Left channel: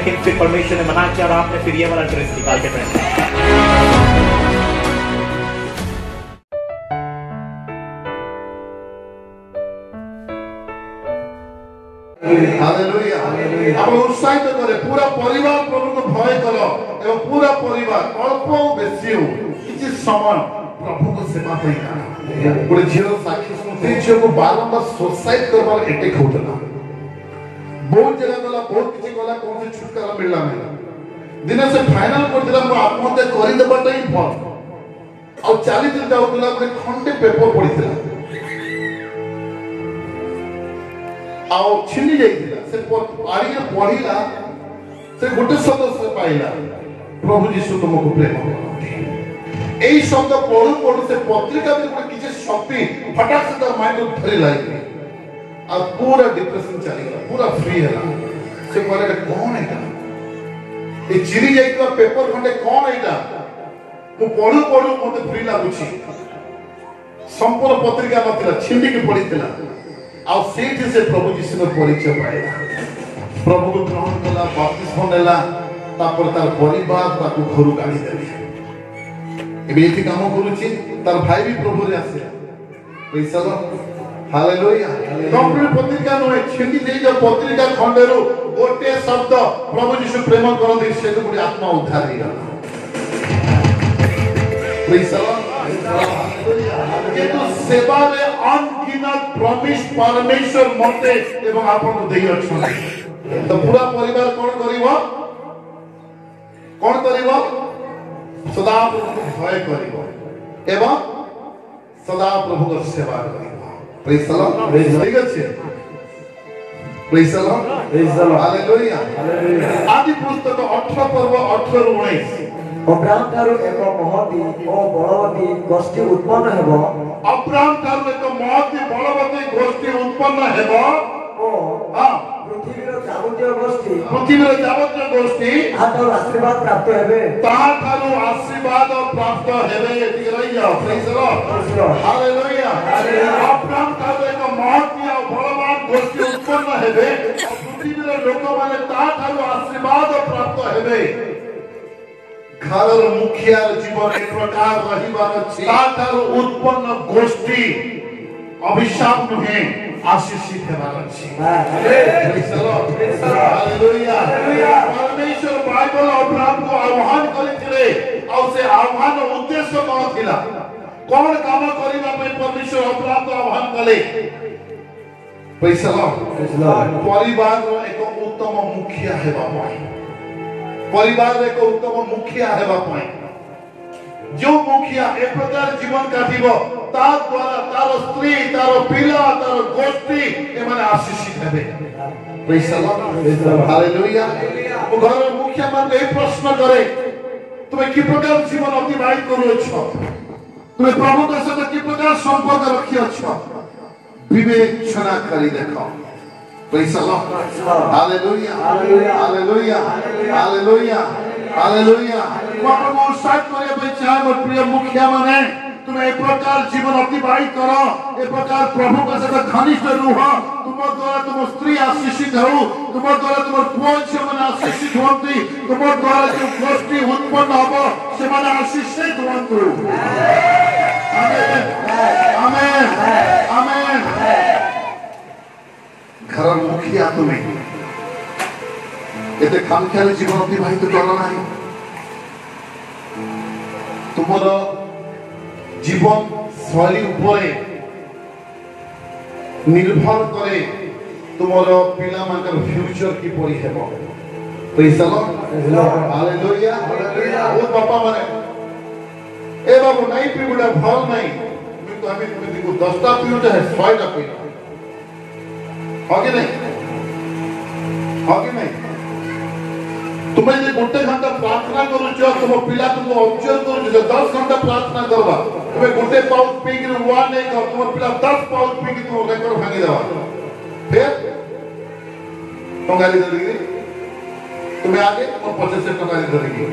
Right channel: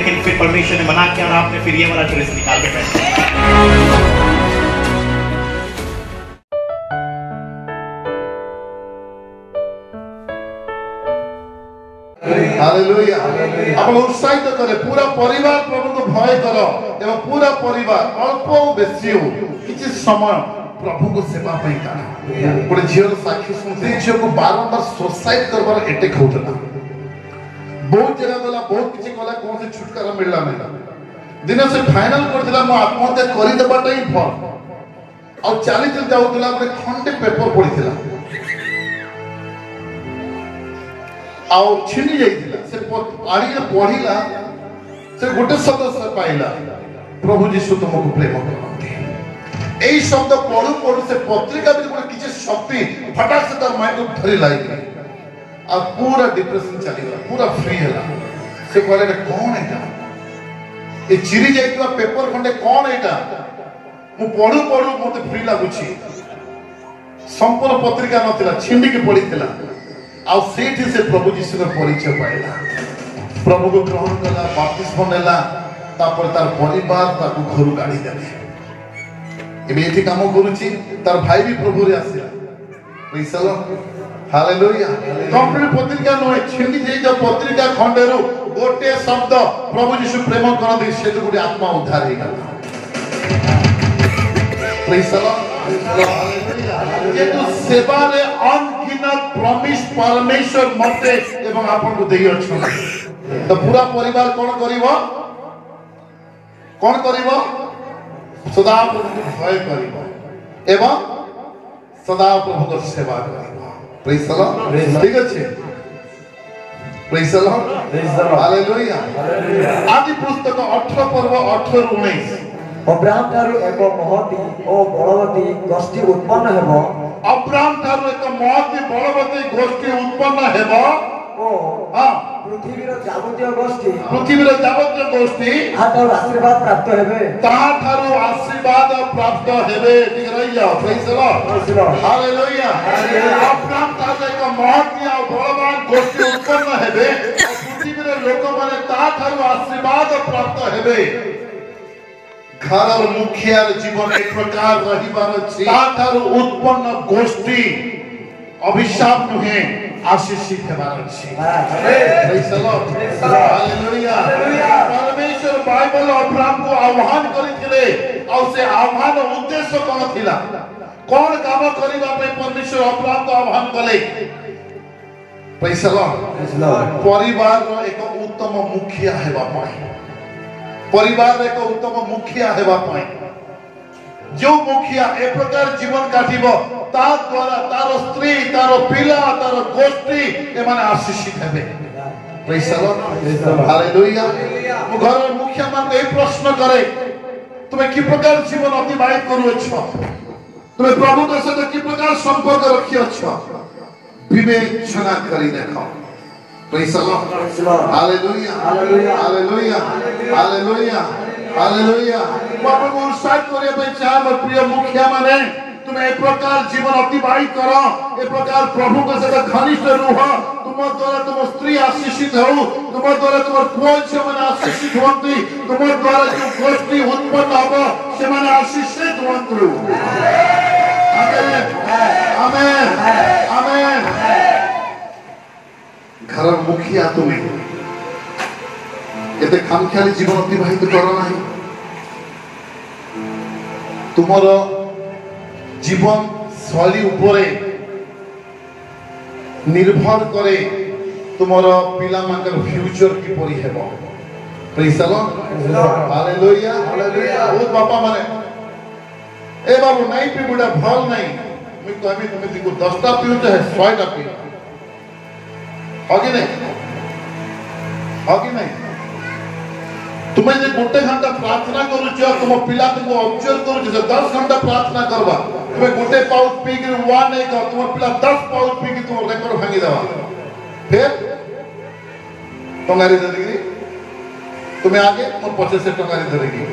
लेकिन फिर परमेश्वर ने मना किया और आपने फिर ये वाला ड्रेस निकाल के पहना। हालेलुया। अपन उत्साहित करे पूरा परिवार प्रभु को भय करो एवं पूरा परिवार अल्प बेसी हो किसी समय प्रभु को सेवा पे करा। पूरे जीवन साक्षी सुनते झील को बारंबार सोसाइट करबार अटैक होता बहुत जगह गला बहुत किसी गला कौन से छुटकारा मिलला मेरा दिन से फाइनल कर दिला मो आत्महत्या करि देबाटा ही भर और 40 दिन जाउतला एक खंडे पेपर पढितला आओ छिनी जाइतिला से पारी के पढिला से गोटे शब्द से पाइला प्रभु यीशु तुमको प्रेम करते एई शब्द पढु पढु से पत्रिका में किछि शक्ति फटाक से तार माइंड को धरि लाइला आ पूरा डिप्रेशन चली गया पूरा फ्री है से कहले कौन है ए चिरी जाइतवा पेपर खंडे कौन एटा मु पढु पढु मते फ्री लागुछि संपूर्ण पत्रिका नथिला छिंडी के पढितला आ सेठी से प्रभु यीशु के परिचय पाइला प्रभु को ग्रहण कला बपतिस्मा नेला तापर तार परिवार ताकू घर गाड़ी देले एबे एठी काम करूछि तार भाई भी प्रभु रे आसिला praise the Lord hallelujah complete पत्रिका न छिंडी जे जो पत्रिका खंडेरो गोटे शब्द प्रभु यीशु प्रेम करथि से तो गोटे आत्मा उद्धार हेला प्रेज द लॉर्ड हालेलुया के तो सेवा रे अनगिनत प्रॉमिस परमेश्वर मते एवं आपन को देई अछि तो पूरा परिवार कौन करिवो सदा प्रभु को भय करिवो एवं सदा प्रभु को सेवा करिवो प्रेज द लॉर्ड ठीक अछि प्रेज द लॉर्ड हालेलुया आदि पुस्तक 18 पर्व 18 19 अब्राहम थारु एक महती ओ बलवती गोष्ठी उत्पन्न हेबो अब्राहम थारु एक महती बलवती गोष्ठी उत्पन्न हेबो ओ हां पृथ्वीर जावतीय गोष्ठी ताठारु आशीर्वाद प्राप्त हेबे ताठारु आशीर्वाद प्राप्त हेबे ठीक रहि जाओ praise the Lord hallelujah Abraham Tharu एक महती ओ बलवान गोष्ठी उत्पन्न हेबे पृथ्वीर लोक माने ताठारु आशीर्वाद प्राप्त हेबे घर मुखिया जीवन एक प्रकार रहिबार अछि ताठारु उत्पन्न गोष्ठी अभिशाप नुहे आशीषित हेबार अछि प्रेज द लॉर्ड हालेलुया परमेश्वर बाइबल अब्राहम को आह्वान करिथिले और से आह्वान उद्देश्य कोन थिला कोन काम करिबा पे परमेश्वर अब्राहम को आह्वान कले प्रेज द लॉर्ड परिवार रो एक उत्तम मुखिया हेबा पाए परिवार एक उत्तम मुखिया हेबा पाए जो मुखिया एक प्रकार जीवन काटिबो ता द्वारा तार स्त्री तार पिला तार गोष्ठी के माने आशीषित हेबे प्रेज द लॉर्ड हालेलुया वो घर मुखिया मान ए प्रश्न करे तुम्हें की प्रकार जीवन अतिबाहित करू छ तुम्हें प्रभु के साथ की प्रकार संपर्क रखियो छ विवेचना करी देखो praise the Lord hallelujah hallelujah hallelujah hallelujah प्रभु को उत्साहित करे पे चाह प्रिय मुखिया माने तुम्हें एक प्रकार जीवन अतिबाहित करो एक प्रकार प्रभु के साथ घनिष्ठ रहो तुम द्वारा तुम स्त्री आशीषित हो तुम द्वारा तुम पुओ झियो माने आशीषित होंती तुम द्वारा जो गोष्ठी उत्पन्न हबो से माने आशीषित होंतु आमेन आमेन आमेन घर मुखिया तुम्हें एते खामख्याली जीवन अतिबाहित करो नाही तुमर जीवन शैली उपरे निर्भर करे तुमर पिला माकर फ्यूचर की परि हेबो प्रेज द लॉर्ड हालेलुया बहुत बापा माने ए बाबू नहीं पी बुडा भल नहीं मैं तो हमें तुम्हें दिको 10टा पीऊ चाहे 100टा पी होगे नहीं तुम्हें जे गोटे घंटा प्रार्थना करू छ तुम पिला तुमको ऑब्जर्व करू छ 10 घंटा प्रार्थना करबा तुम्हें गोटे पाउच पी के हुआ नहीं कर तुम पिला 10 पाउच पी के तुम रेकॉर्ड भांगी देबा फिर टंगारी देगी तुम्हें आगे तो 25 से टंगारी देगी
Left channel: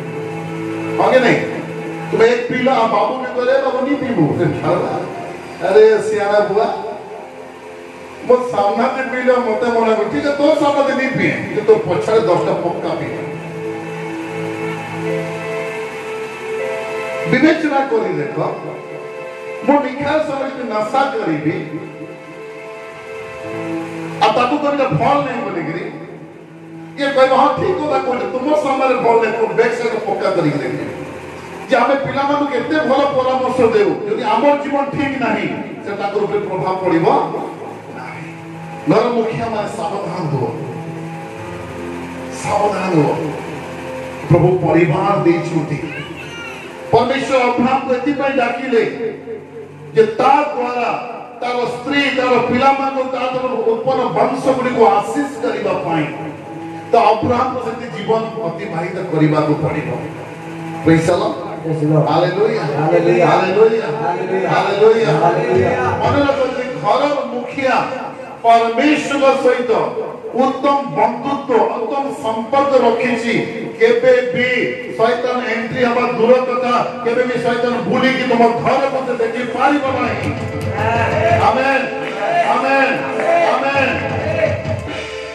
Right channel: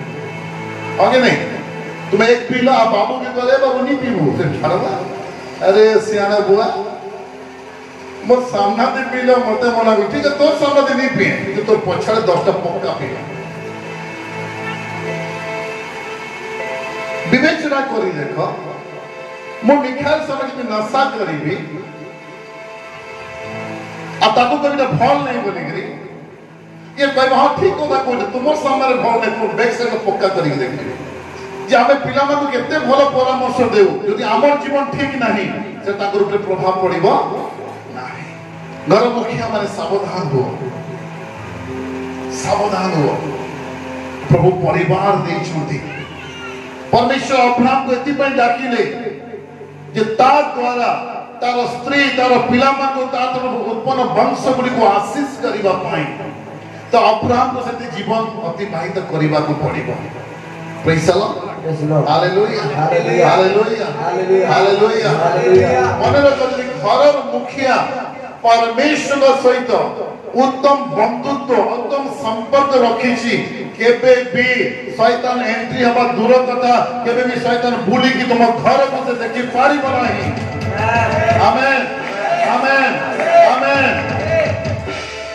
आगे नहीं तुम्हें एक पिला बाबू के करे बाबू नहीं पीबू फिर खरबा अरे सियाना बुआ मो सामना दे पीले मते मना कर ठीक है तो सामना दे नहीं पिए कि तो पछाड़े 10टा पक्का पिए विवेचना करी देखो मो निखार समझ में नशा करीबी आ ताकू करी फल नहीं बोली गिरी ये कहबा हां ठीक होता कोन तुमो सामने फल नहीं को बैक साइड पक्का करी देखि जे आमे पिला मानु केते भलो परामर्श देउ यदि हमर जीवन ठीक नहीं से ताकर ऊपर प्रभाव पड़िबो घर मुखिया माने सावधान हो प्रभु परिवार दे छुटी परमेश्वर अपना को एति पय डाकिले जे ता द्वारा तार स्त्री तार पिला मानु तार उत्पन्न वंश गुडी को आशीष करिबा पाई तो अब्राहम को सते जीवन अतिबाहित करिबा को पड़िबो praise the Lord hallelujah hallelujah hallelujah मन रखि घर मुखिया परमेश्वर सहित उत्तम बंधुत्व उत्तम संपर्क रखिछि केबे भी शैतान एंट्री हवा दूर कथा केबे भी शैतान भूली कि तुम घर को देखि पारी बनाई आमेन amen amen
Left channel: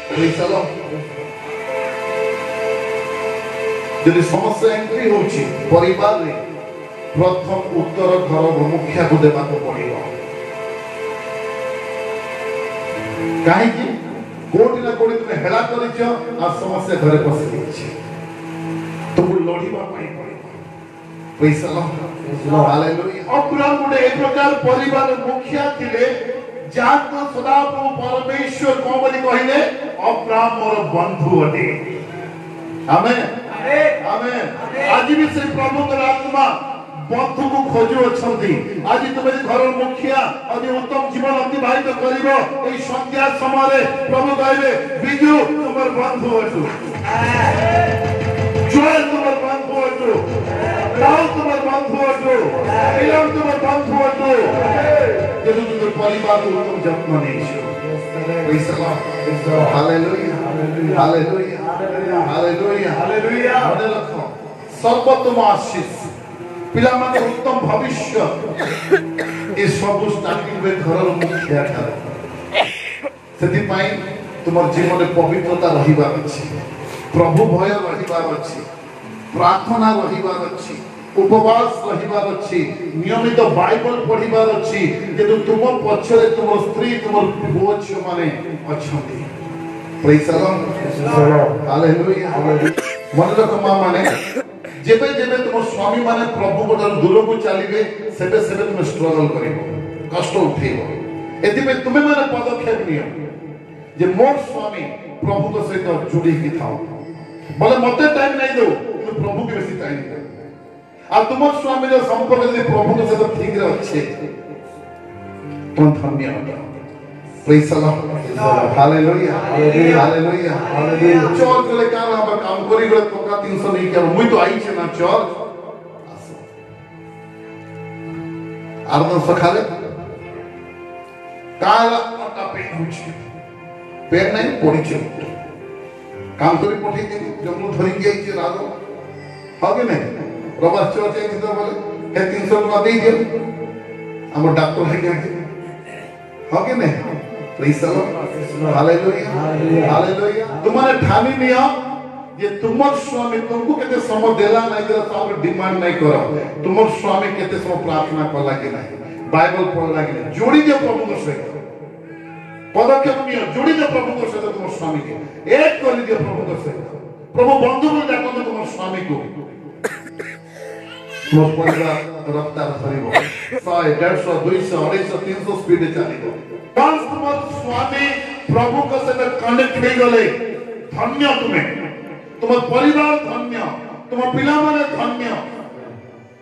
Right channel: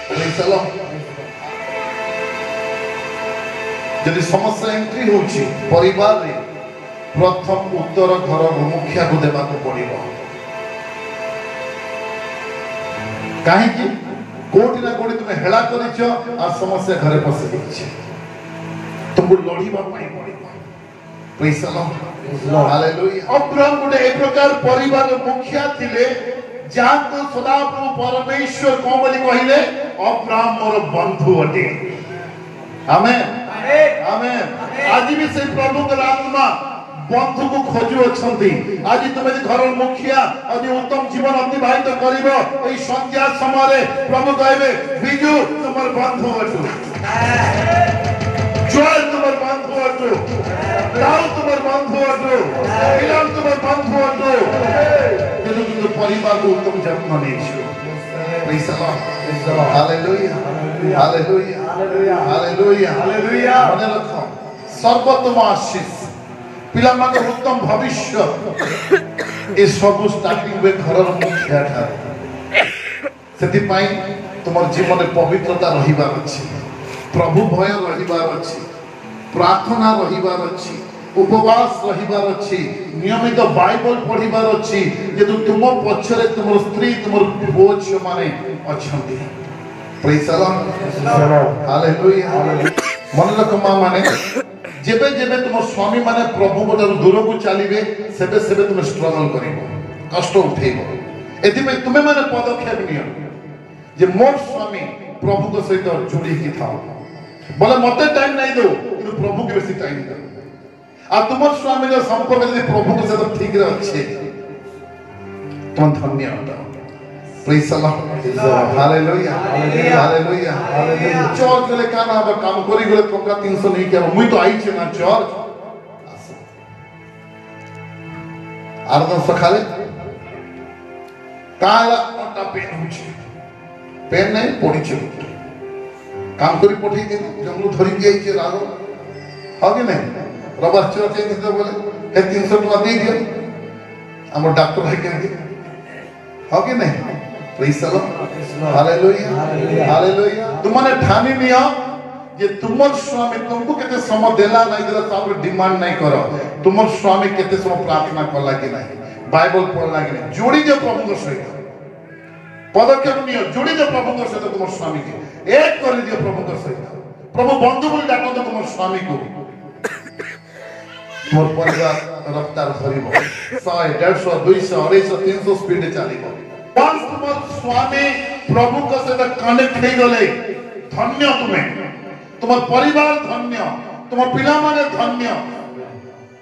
praise the Lord यदि समस्या एंट्री होछि परिवार रे प्रथम उत्तर घर मुखिया को देबा को पड़िबो काहे कि कोटी ना कोटी तुमे हेला करिछो आ समस्या घरे पसे दिछि तुमको लड़ीबा पाई पड़िबो praise the Lord hallelujah Abraham गुडे एक प्रकार परिवार मुखिया थिले जाको सदाप्रभु परमेश्वर को बोली कहिले अब्राहम मोर बंधु अटे आमेन आमेन आज भी से प्रभु का आत्मा बंधु को खोजु अछंती आज तुम घर मुखिया आज उत्तम जीवन अतिबाहित करिवो एई संध्या समय प्रभु कहबे बिजु तुमर बंधु अछु जोल तुमर बंधु अछु राव तुमर बंधु अछु इलम तुमर बंधु अछु यदि तुम परिवार को उत्तम जन्म नेछु praise the Lord hallelujah hallelujah hallelujah hallelujah मन रखो सर्वोत्तम आशीष पिला माने उत्तम भविष्य ए सब स्टार्टिंग में घर मुखिया था सेति पाई तुमर जीवन में पवित्रता रहिबार अछि प्रभु भय रहिबार अछि प्रार्थना रहिबार अछि उपवास रहिबार अछि नियमित बाइबल पढिबार अछि जे तुम पछरे तुमर स्त्री तुमर पुओ छ माने अछंती प्रेज द लॉर्ड हालेलुया मन रखो माने जेबे जेबे तुम स्वामी माने प्रभु गोडर दूर को चलीबे सेबे सेबे तुम स्ट्रगल करिबो कष्ट उठेबो एति में तुमे माने पदक्षेप नियो जे मोर स्वामी प्रभु को सहित जुड़ी की थाओ बोले मते टाइम नहीं दो कि प्रभु के बेसी टाइम दे आ तुम स्वामी जो संपर्क यदि प्रभु के साथ ठीक रे अच्छे तुम धन्य हो praise the Lord hallelujah hallelujah hallelujah church रे काना बा काम करी गले टका 300 नहीं के मुई तो आई छे ना चर्च आरन सखाले ताला पटा पेन होची पेन नहीं पड़ी छे काम करी पठी के जमनु धरि के आई छे रारो हागे नहीं रबर चर्च ए तो बोले ए 300 टका दे दियो हम डॉक्टर है के हागे नहीं praise the Lord hallelujah hallelujah तुमने ठानी निया जे तुमर स्वामी तुमको केते समय देला नहीं जरा तापर डिमांड नहीं करो तुमर स्वामी केते समय प्रार्थना करला कि नहीं बाइबल पढ़ला कि नहीं जोड़ी जो प्रभु के सहित पदक्षेप नियो जोड़ी जो प्रभु के सहित तुमर स्वामी के एक कर दियो प्रभु के सहित प्रभु बंधु बोल डाको तो तुमर स्वामी को मोर परिवार रफ्तार धरिबो 100 150 200 250 300 स्पीड चलिबो पांच तुमर स्वामी प्रभु का साथ कनेक्ट नहीं गले धन्य तुम्हें तुम परिवार धन्य तुम पिला माने धन्य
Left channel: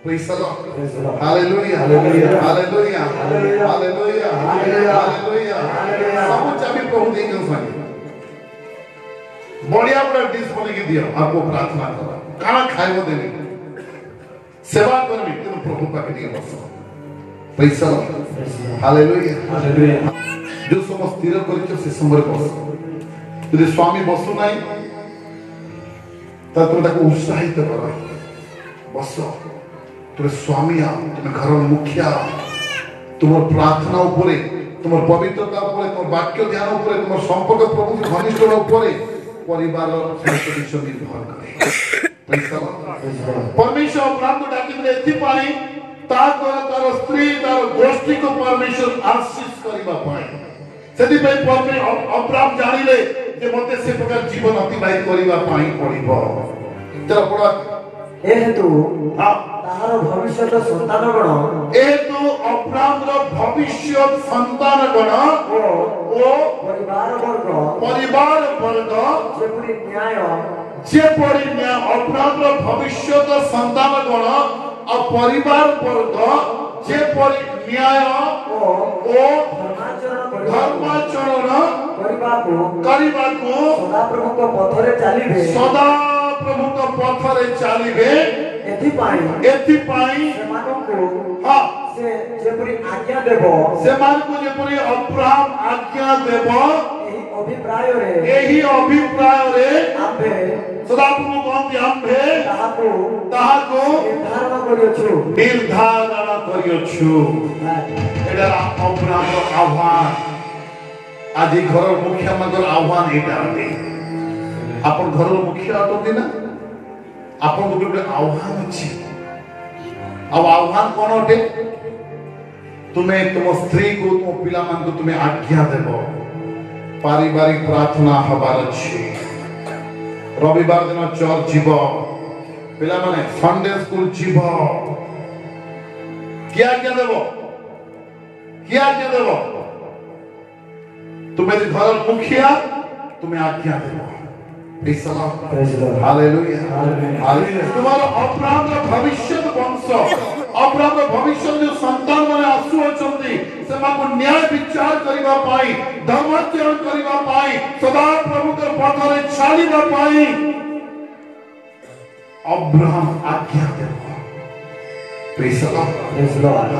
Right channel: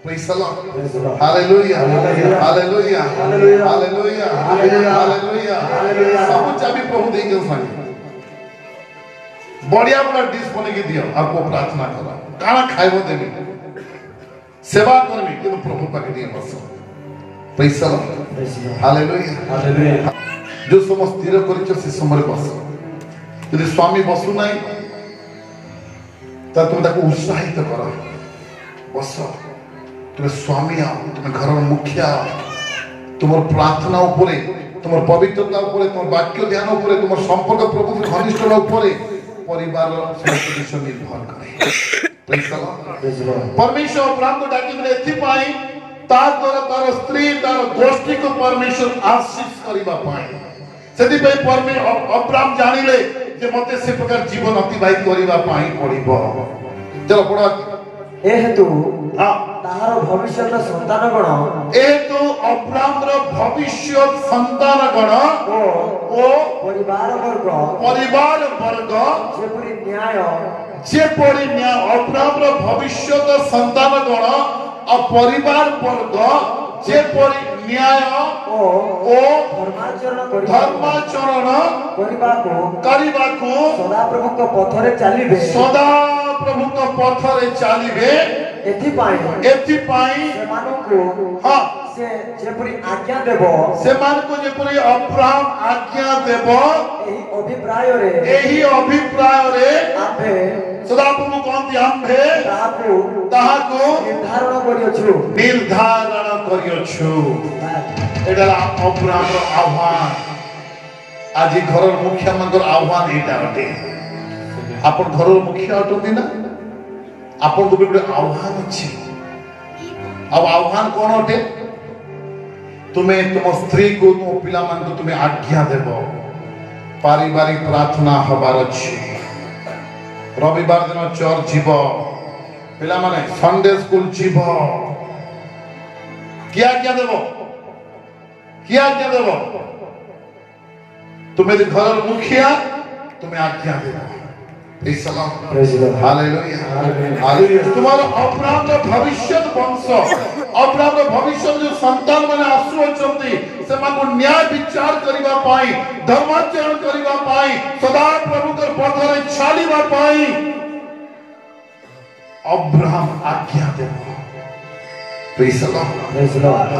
praise the Lord hallelujah hallelujah hallelujah hallelujah सब चाबी प्रभु देंगे सानी बढ़िया बड़ा डिश बने के दियो आपको प्रार्थना करो खाना खाइबो देबे सेवा करबी कि प्रभु पाके दियो बस praise the Lord hallelujah hallelujah जो समस्त स्थिर करिछ से समय बस यदि स्वामी बसु नाही ता तुम ताको उत्साहित करो बस तुम स्वामी तुम घर मुखिया तुम प्रार्थना उपरे তোমার পবিত্রতা উপরে, তোমার বাক্য ধ্যান উপরে, তোমার সম্পর্ক প্রভু ঘনিষ্ঠতা উপরে পরিবার সদস্য নির্ভর করে। परमेश्वर अब्राहम को डाकिले एथिपाई ता द्वारा तार स्त्री तार गोष्ठी को परमेश्वर आशीष करिबा पाए सेति पे अब्राहम जानिले जे मते से प्रकार जीवन अतिबाहित करिबा पाई पड़िबो। चलो पढ़ा ए हेतु हां तार भविष्यत संतान गण ए तो अब्राहम रो भविष्य संतान गण ओ परिवार वर्ग जेपरि न्याय जेपरि न्याय अब्राहम रो भविष्य संतान गण आ परिवार वर्ग जेपरि न्याय ओ धर्माचरण करिबाको सदा प्रभु पथरे चलिबे एथिपाई हां से जेपरि आज्ञा देबो सेमानको जेपरि अब्राहम आज्ञा देबो एही अभिप्राय रे आम्भे सदा प्रभु कहନ୍ତି आम्भे ताहाको निर्धारण करियछु एटा अब्राहम रो आह्वान आज घर मुखिया मंत्र आह्वान एटा अटे आपण घर मुखिया अटोगे ना आपण को भी आह्वान अछि अब आह्वान कोन अटे तुम्हें तुम स्त्री को तुम पिला मान को तुम्हें आज्ञा देबो पारिवारिक प्रार्थना हबार अछि रविवार दिन चर्च जीव पिला माने संडे स्कूल जीव क्या आज्ञा देबो तुम्हें घर मुखिया तुम्हें आज्ञा देबो हालेलुया तुम्हारा अब्राहम का भविष्य वंश अब्राहम का भविष्य जो संतान माने आसु अछंती से माको न्याय विचार करिबा पाई धर्माचरण करिबा पाई सदा प्रभु के पथरे चालिबा पाई अब्राहम आज्ञा देबो। प्रेज द लॉर्ड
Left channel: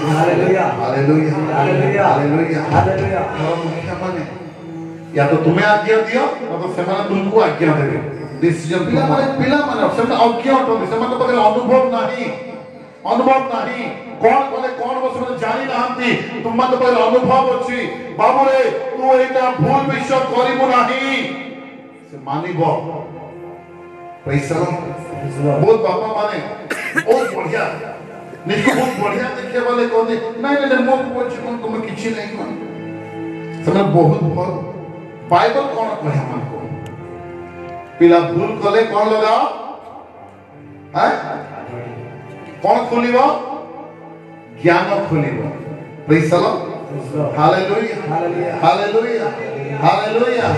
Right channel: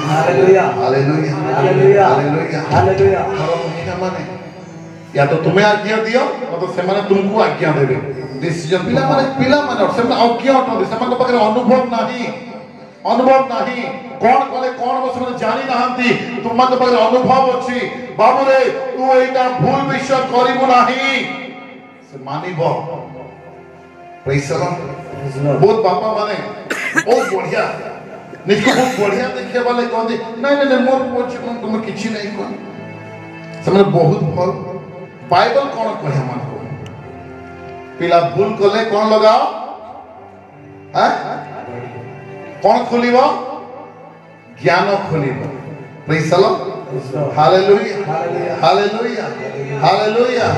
हालेलुया मुखिया माने या तो तुम्हें आज्ञा दियो या तो सेमाने तुमको आज्ञा देबे डिसीजन पिला माने सेमाने आज्ञा उठो सेमाने पाखे अनुभव नाही कोन कोने कोन बसने जानि नाहंती तुम मन पाखे अनुभव अछि बाबू रे तू एटा भूल विषय करिबो नाही से मानिबो। प्रेज द लॉर्ड बहुत बापा माने बहुत बढ़िया निके बहुत बढ़िया दिखे वाले कहते नहीं मो तुम किछि नहीं कोन सेमाने बहुत बाइबल कौन कहे हमको पिला भूल कले कौन लगाओ हैं कौन खोलिबो ज्ञान खोलिबो। Praise the Lord hallelujah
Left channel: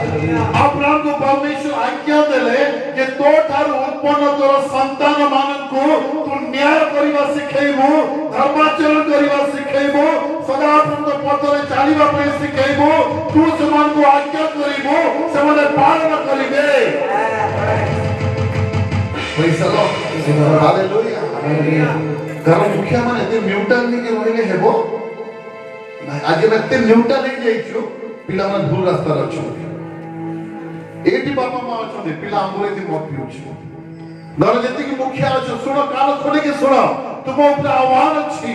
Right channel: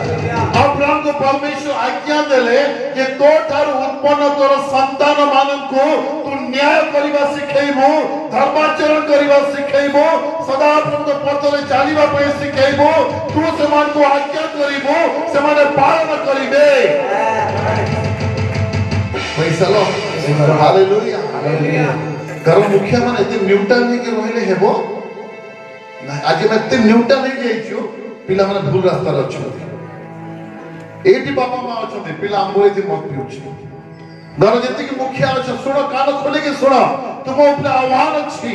Abraham को परमेश्वर आज्ञा देले कि तो तार उत्पन्न तोर संतान माननको तू न्याय करिबा सिखैबो धर्माचरण करिबा सिखैबो सदा प्रभु पथरे चालिबा पे सिखैबो तू समान को आज्ञा करिबो समान पालन करिबे। प्रेज द लॉर्ड हालेलुया घर मुखिया माने जे न्यूट्रल नहीं के रहले हेबो आज में ते न्यूट्रल नहीं जाइछु पिला माने भूल रास्ता रछु एटी बाबा मां अछते पिला हमरे जे मत पिउछु घर जति की मुखिया अछ सुनो कान खोले के सुनो तुम ऊपर आह्वान अछि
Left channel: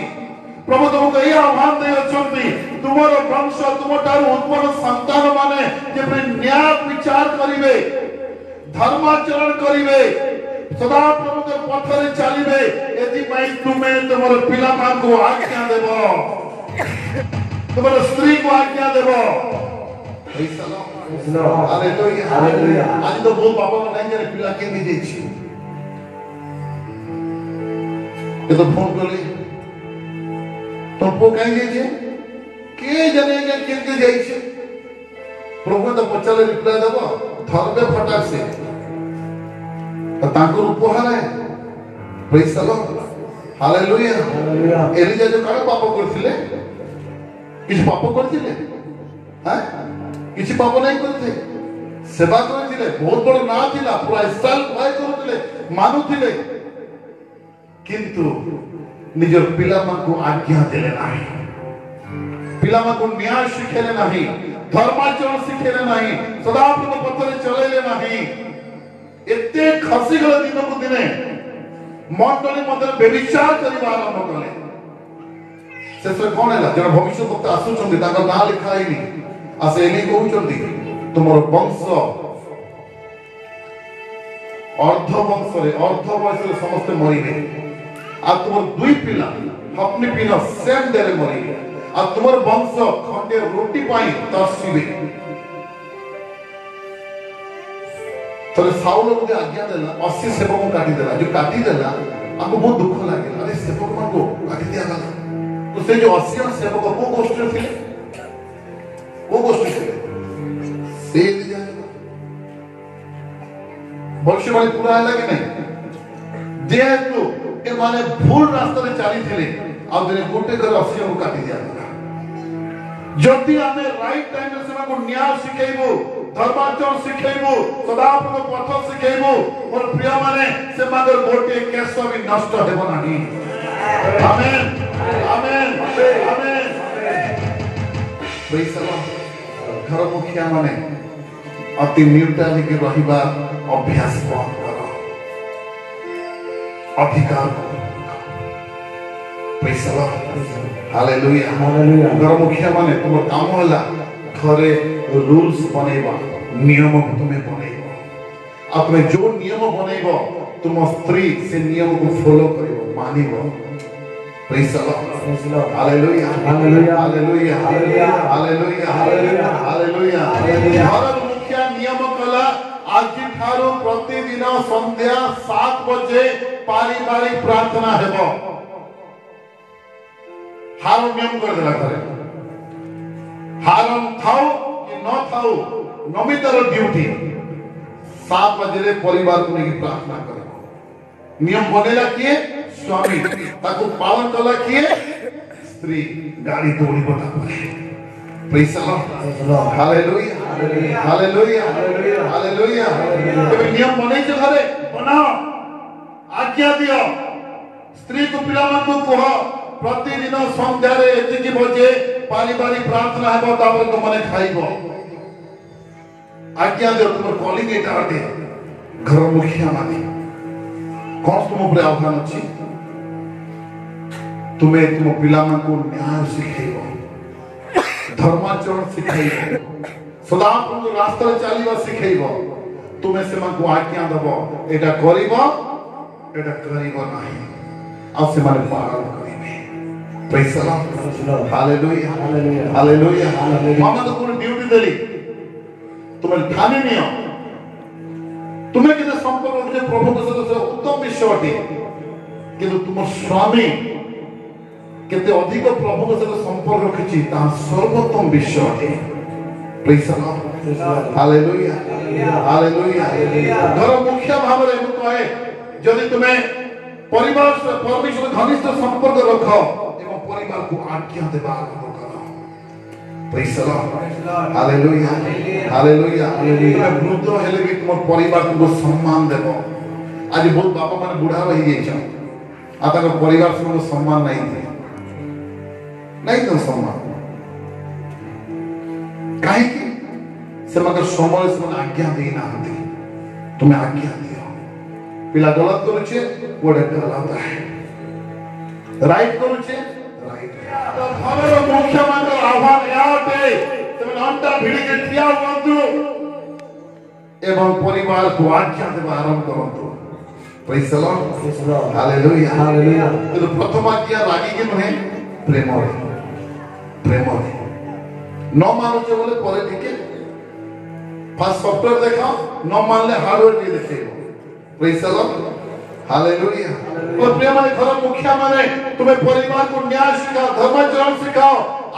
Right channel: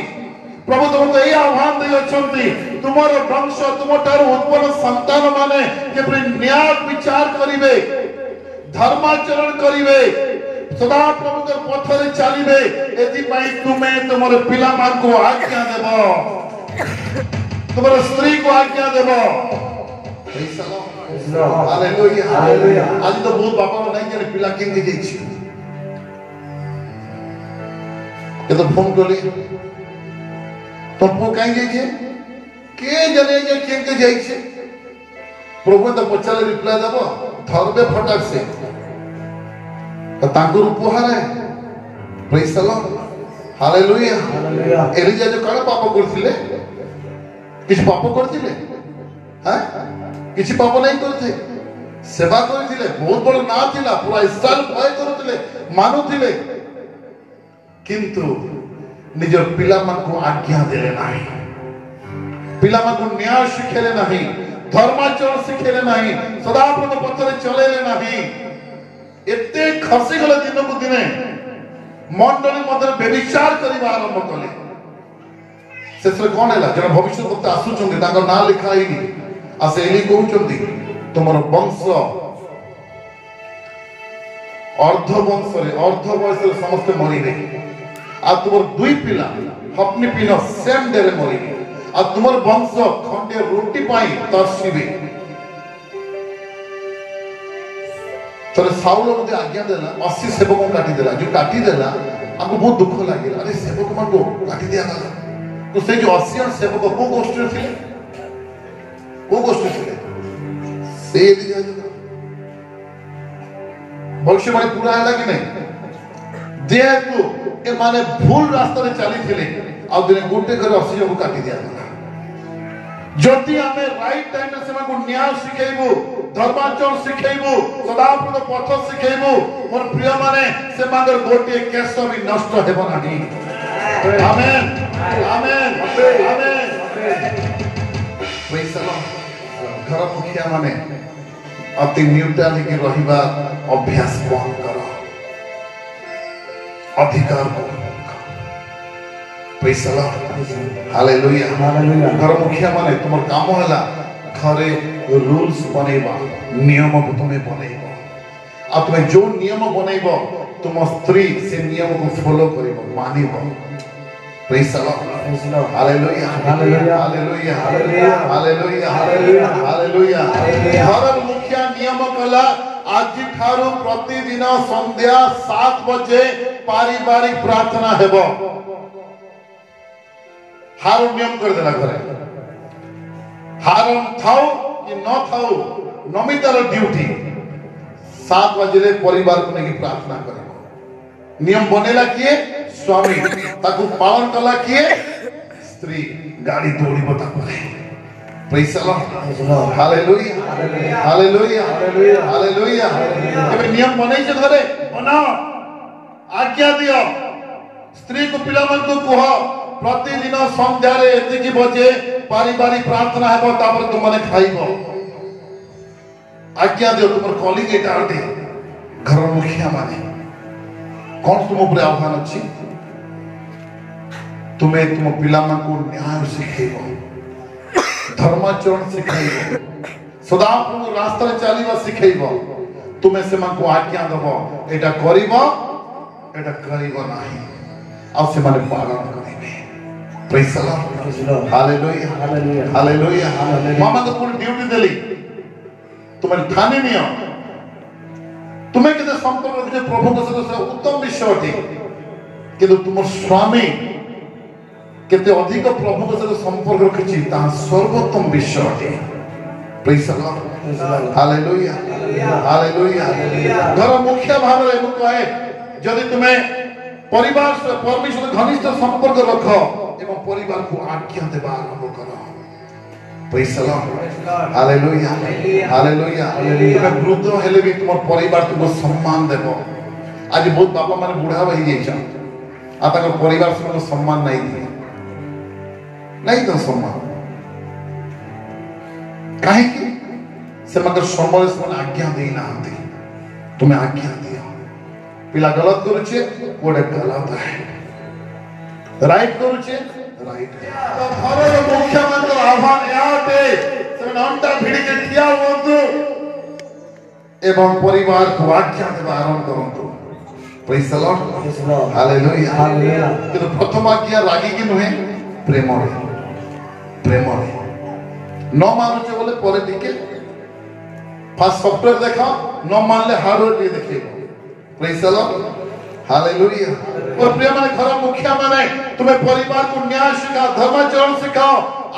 प्रभु तुमको ये आह्वान दे अछंती तुमरो वंश तुमटार उत्पन्न संतान माने जे न्याय विचार करिवे धर्माचरण करिवे सदा प्रभु के पथरे चलिबे एति पई तुमे तुमरो पिला मान को आज्ञा देबो तुम्हारा स्त्री को आज्ञा देबो। हालेलुया आज तो बहुत बाबा नहीं जाने पिला के जेछि के तो फोन करले तो पो कहीं जेछि के जाने के जेछि प्रभु तो पचले रिप्लाई देबो धर्मे फटाक से तो तांको उपहार है। Praise the Lord hallelujah Elijah जो काला पाप करथिले किछ पाप करथिले हैं किछ पाप नहीं करथे सेवा करथिले बहुत बड़ ना थिला पूरा इस्राएल भय करथिले मानुथिले किंतु निज पिला को आज्ञा देले नाही पिला को न्याय शिखेले नाही धर्माचरण शिखेले नाही सदा प्रभु पथरे चलेले नाही एते खसी गले दिन को दिने मंडली मध्य व्यभिचार करिबा आरंभ कले शेष कौन है जन भविष्य वक्ता आसुचंदी ताको ना लिखा हैनी आ से एली कहउचंदी तुमर वंश अर्ध वंश रे अर्ध वंश रे समस्त मरिबे आ तुमर दुई पिला अपनी पिना सेम डे रे मरिबे आ तुमर वंश खंडे रोटी पाई तरसिबे तरे साउल को आज्ञा देला 80 सेवक को काटी देला जो काटी देला हमको बहुत दुख लगे अरे सेवक को काटी दिया गला तो से जो 80 सेवक को गोष्ठी थे वो गोष्ठी थे से दिया भविष्यवाणी पूरा है कि नहीं जेहेतु ए माने भूल रास्ता रे चली थिले आ दिने गोटे घर 80 को काटी दिया गला जति हमें राइट टाइम रे सेमा को न्याय सिखेबो धर्माचरण सिखेबो सदाप्रभु पथ सिखेबो मोर प्रिय माने से मागर गोटे केस भी नष्ट हेबो नाही आमेन आमेन आमेन वैसा घर मुखिया माने अति न्यूट्रल के रहिबा अभ्यास बंद करो अधिकार पैसा हालेलुया हालेलुया घर मुखिया माने तुम काम होला घरे रूल्स बनेबा नियम को तुम्हें बनेबा आ तुम्हें जो नियम बनेबा तुम स्त्री से नियम को फॉलो करिबो मानिबो पैसा hallelujah hallelujah hallelujah hallelujah hallelujah hallelujah घर मुखिया नियम कला आज ठारो प्रतिदिन संध्या 7 बजे पारिवारिक प्रार्थना हेबो हारो नियम कर देला करे हारम थाओ कि न थाओ नमितार ड्यूटी 7 बजे परिवार को लेके प्रार्थना करे नियम बनेला किए स्वामी ताको पालन कला किए स्त्री गाड़ी दौड़ी बता करे praise the Lord hallelujah hallelujah hallelujah तबे नियम बनै छै घरे बनाओ आज्ञा दियो स्त्री को पिला को कह प्रतिदिन संध्या रे एतिकी बजे पारिवारिक प्रार्थना हेबो तापर तुम माने खाइबो आज्ञा दियो तुम कॉलिंग एटा अटे घर मुखिया माने कौन तुम ऊपर आह्वान अछि तुम्हें तुम पिला मन को न्याय सिखेबो धर्माचरण सिखेबो सदा प्रभु रास्ता चलीबो सिखेबो तुम्हें से मन को आज्ञा देबो एटा करिबो एटा करिबो नाही आ से माने पालन करिबे praise the Lord hallelujah hallelujah hallelujah hallelujah मामा तो पूरी ड्यूटी देली तुम्हें ठानी नियो तुम्हें किते संपर्क जे प्रभु के सहित उत्तम विषय अटे किंतु तुम स्वामी केते अधिक प्रभु के सहित संपर्क रखछि ता सर्वोत्तम विषय अटे praise the Lord hallelujah hallelujah घर मुख्य भाव रे मु कहे यदि तुम्हें परिवार से परमेश्वर घनिष्ठ संपर्क रख एवं परिवार को आज्ञा देबा आरंभ करो praise the Lord hallelujah hallelujah hallelujah वृद्ध हेले भी तुम परिवार को सम्मान देबो आज बहुत बाबा माने बुढ़ा रही जाई छ आ तक परिवार से सम्मान नहीं दिए नहीं तो सम्मान काहे कि से मगर समय से आज्ञा देई ना आते तुम्हें आज्ञा दियो पिला गलत करूचे कोडे गलत है राइट करूचे राइट है घर मुख्य मंत्र आह्वान याते से नामटा भिड़ी के ठिया हुअन्तु एवं परिवार को आज्ञा देबा आरंभ करंतु praise the Lord hallelujah hallelujah तो प्रथम आज्ञा रागी के नहे प्रेम प्रेम न मानुचे बोले परे टिके फास्ट सॉफ्टवेयर देखा न मानले हार्डवेयर भी देखेबो प्रेज द लॉर्ड हालेलुया और प्रिय माने घर मुखिया माने तुम्हें परिवार को न्याय सिखाओ धर्माचरण सिखाओ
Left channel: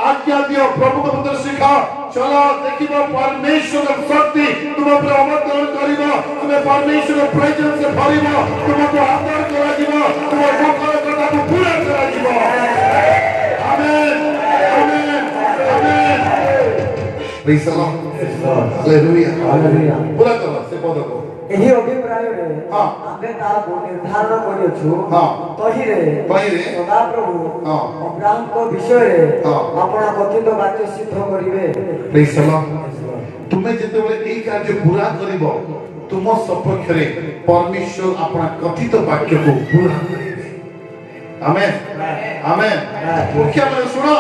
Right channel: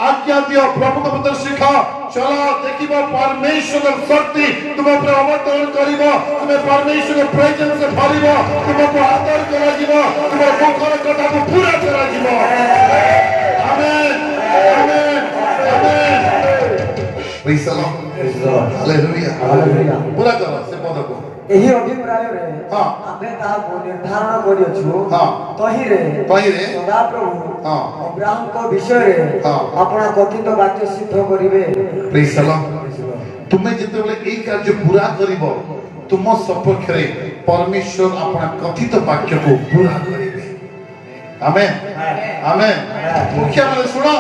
आज्ञा दियो प्रभु को पत्र सिखाओ चलो देखिबा परमेश्वर की शक्ति तुम पर अवतरण करिबो तुम्हें परमेश्वर के प्रेजेंस से भरिबो तुमको आदर करा दिबो तुम्हें दुखर कथा को पूरा करा दिबो amen amen amen praise the Lord hallelujah hallelujah पूरा करो से पद को एही अभिप्राय रे हां आमे ता निर्धारण करियो छु हां तही रे सदा प्रभु हां अब्राहम को विषय रे अपना कथित वाक्य सिद्ध करिवे प्रेज द लॉर्ड तुम्हें जते बेले एई कार्य पूरा करिवो तुम सपक्ष रे परमेश्वर अपना कथित वाक्य को पूरा करिवे आमेन आमेन मुख्य में सुनो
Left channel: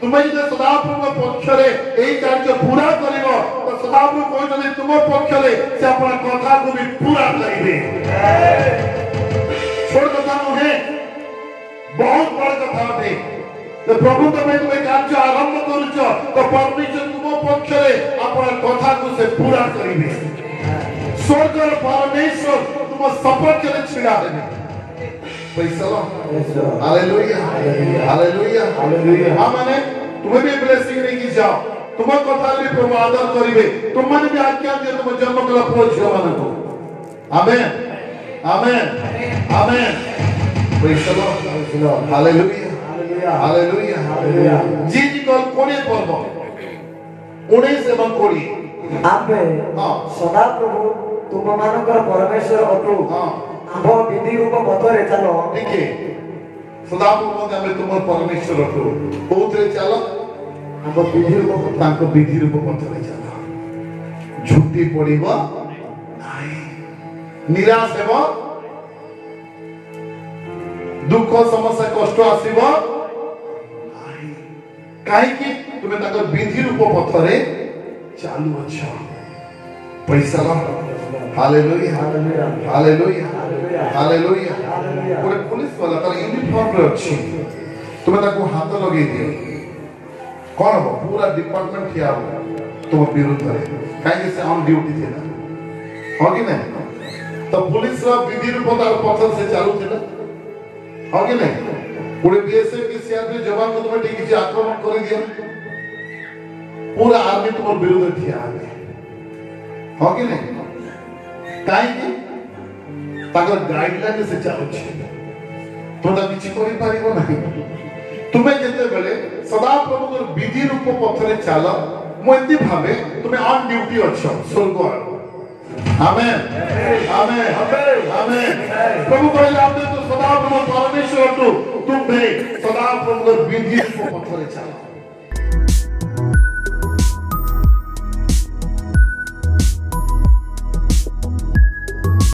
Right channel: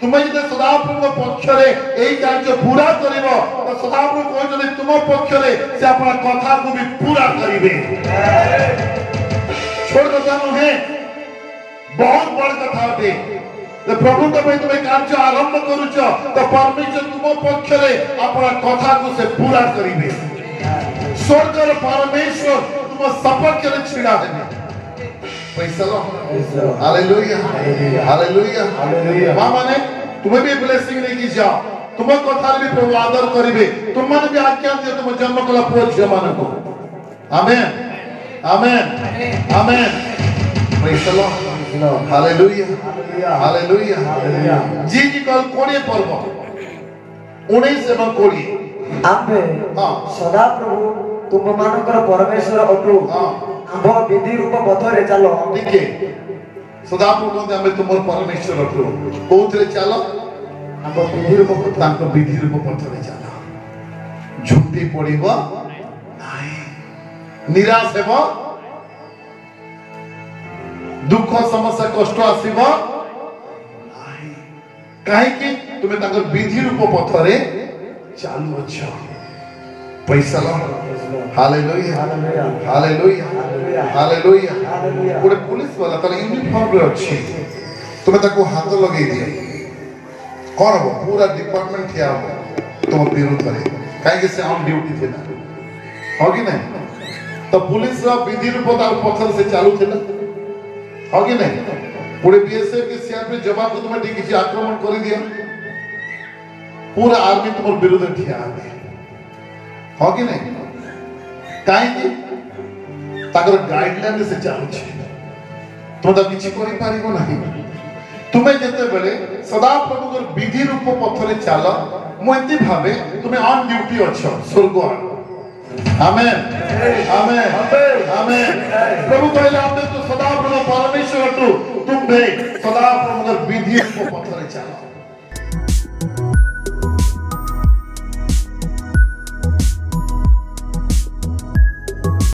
तुम्हें जो सदाप्रभु पक्ष रे एई कार्य पूरा करिवो तो सदाप्रभु कहते तुम पक्ष रे से अपना कथा को भी पूरा करिवे छोड़ कथा नुहे बहुत बड़ कथा बे तो प्रभु के तुम्हें कार्य आरंभ करूछ तो परमेश्वर तुम पक्ष रे अपना कथा को से पूरा करिवे स्वर्ग रे परमेश्वर तुम सपक्ष रे छिड़ा देबे हालेलुया हालेलुया हालेलुया माने तुम्हें भी ब्लेसिंग लेके जाओ तुम कथा भी प्रभु आदर करिवे तुम माने भी आज्ञा दे तुम जन्म कला पुरो झियो माने को amen amen amen praise the Lord hallelujah hallelujah hallelujah जी जी कल कोने पर्व 19 एवं 20 आपे सदा प्रभु तुम मानकर परमेश्वर अटु आबो विधि रूप पथरे चलो ठीक है सदा प्रभु हमें तुम परमेश्वर अटु कोथरे चलो आबो विधि रूप पथ तांको विधि रूप पथरे चलो झुटी पड़िबो नाही निराश हेबो दुख समस्या कष्ट आसीबो नाही काहे कि तुमे तांको विधि रूप पथरे चालू अच्छा पैसा ला हालेलुया हालेलुया हालेलुया पूरे पुलिस वाला तार यूनिफॉर्म रे अछि तुमे ताको हाथ लगे दिए कोन हो पूरा डिपार्टमेंट हिया तुम विरोध करे काहे से ऑन ड्यूटी थे हो कि नहीं तो पुलिस रा विधि रूप तार पथर से चालू थे हो कि नहीं पूरे बीएसएफ के सीआरपी जवान को तुम्हें ठीक से आक्रमण कर दिया पूरा आर्मी तुम विरोध ठिया है हो कि नहीं काहे कि ताकर गाइडलाइन से चालू छे तो ता किछि करि पारिबो नाही तुमे जते बेले सदा प्रभु कर विधि रूप पथरे चाला मोंती भाबे तुमे ऑन ड्यूटी अछो स्वर्ग आमेन आमेन आमेन प्रभु कहले आपने तो सदा प्रभु परमेश्वर तो तुम भी सदा प्रभु कर विधि रूप पथरे चाला